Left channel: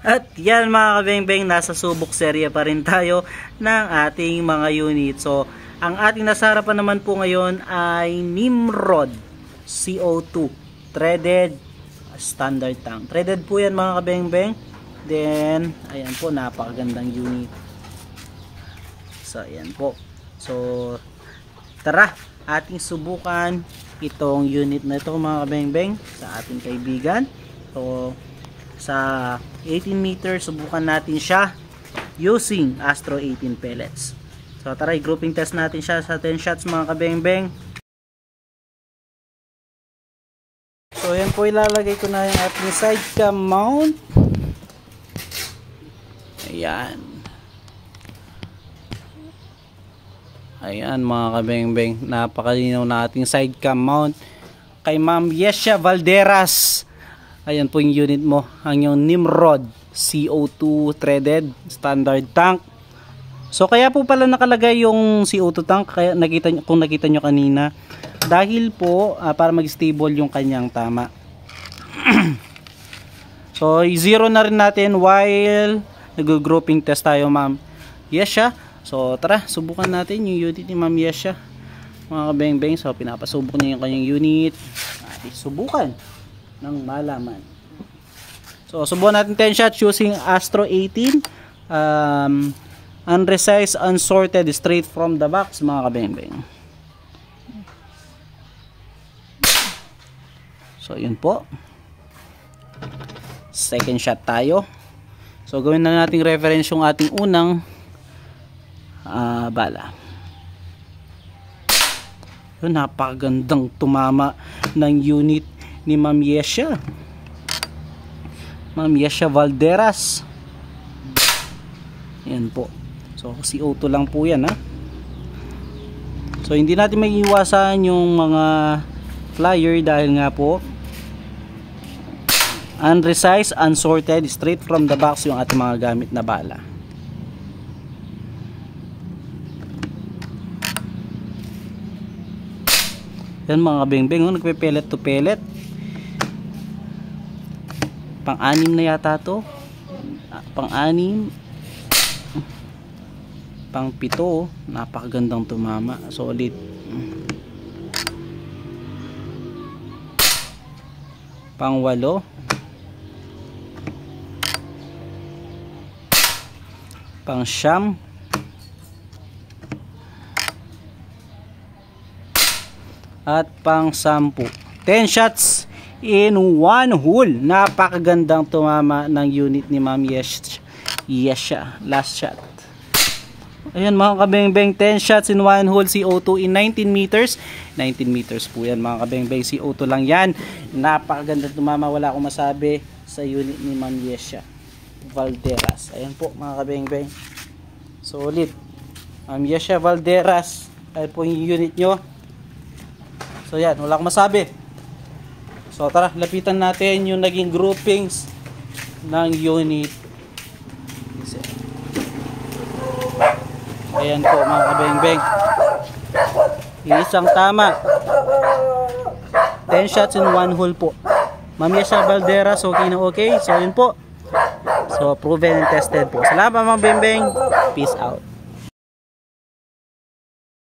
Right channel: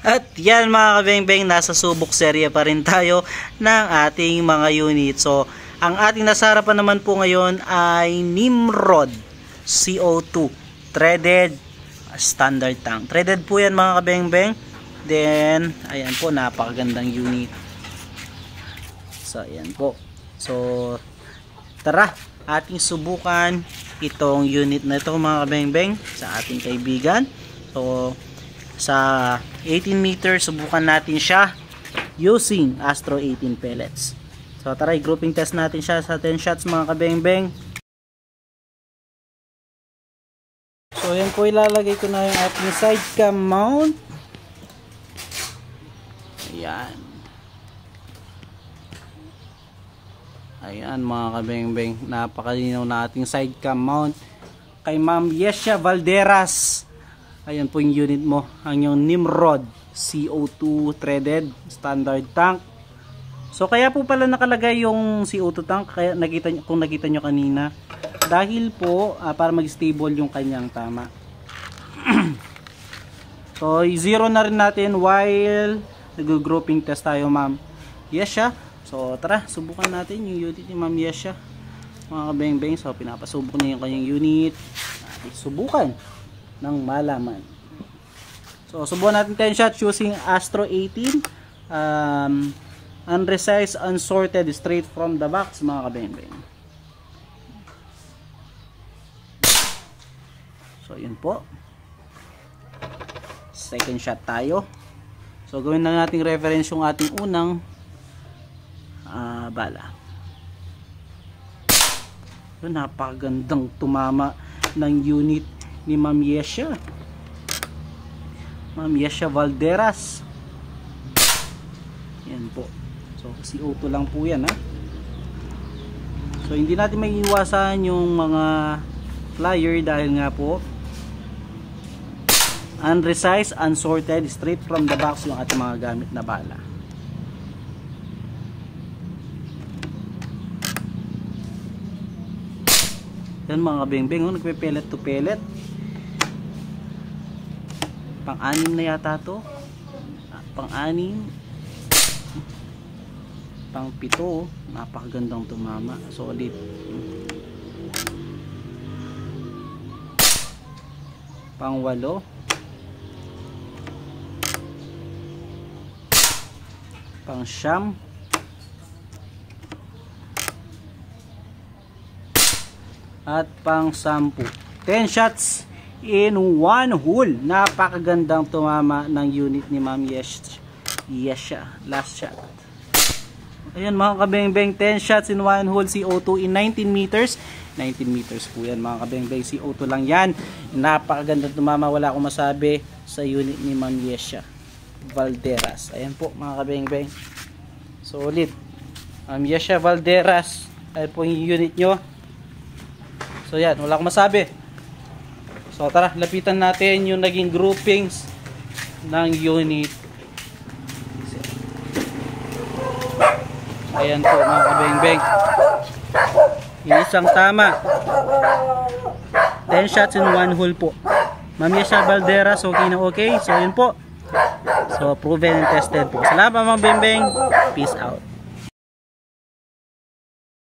At yan mga kabengbeng, nasa subok serye pa rin tayo ng ating mga unit. So, ang ating nasa harapan naman po ngayon ay Nimrod CO2 threaded standard tank. Threaded po yan mga kabengbeng. Then, ayan po, napakagandang unit. So, ayan po. So, tara, ating subukan itong unit na ito mga kabengbeng sa ating kaibigan. So, sa 18 meters, subukan natin siya using Astro 18 pellets. So tara, grouping test natin siya sa 10 shots mga kabengbeng. So yan po, ilalagay ko na yung ating side cam mount. Ayan. Ayan mga kabengbeng, napakalinaw na ating side cam mount kay Ma'am Yesha Valderas. Ayan po yung unit mo, ang yung Nimrod CO2 threaded standard tank. So kaya po pala nakalagay yung CO2 tank, kaya kung nakita nyo kanina, dahil po para mag-stable yung kanyang tama. So zero na rin natin while nag-grouping test tayo Ma'am Yesha. So tara, subukan natin yung unit ni Ma'am Yesha mga kabengbeng. So pinapasubok niya yung kanyang unit. Subukan ng malaman. So subukan natin 10 shots using Astro 18 unresized, unsorted, straight from the box mga kabengbeng. So yun po, second shot tayo. So gawin na nating reference yung ating unang bala. Yun, napakagandang tumama ng unit ni Ma'am Yesha. Ma'am Yesha Valderas. Yan po. So CO2 lang po yan ha. So hindi natin maiiwasan yung mga flyer dahil nga po unresized, unsorted, straight from the box yung ating mga gamit na bala. Yan mga kabengbeng, nagpe-pellet to pellet. Pang-anim na yata to. Pang-anim. Pang-pito. Napakagandang tumama. Solid. Pang-walo. Pang-siyam. At pang-sampu. 10 shots in one hole. Napakagandang tumama ng unit ni Ma'am Yesha. Last shot. Ayan mga kabengbeng, 10 shots in one hole CO2 in 19 meters. 19 meters po yan mga kabengbeng, CO2 lang yan. Napakagandang tumama, wala akong masabi sa unit ni Ma'am Yesha Valderas. Ayan po mga kabengbeng, solid. Ma'am Yesha Valderas, ayan po yung unit nyo. So yan, wala akong masabi. So tara, lapitan natin yung naging groupings ng unit. Ayan po mga kabengbeng, isang tama, 10 shots in one hole po. Ma'am Yesha Valderas, okay na okay. So yun po, so proven and tested po. Salamat mga kabengbeng, peace out.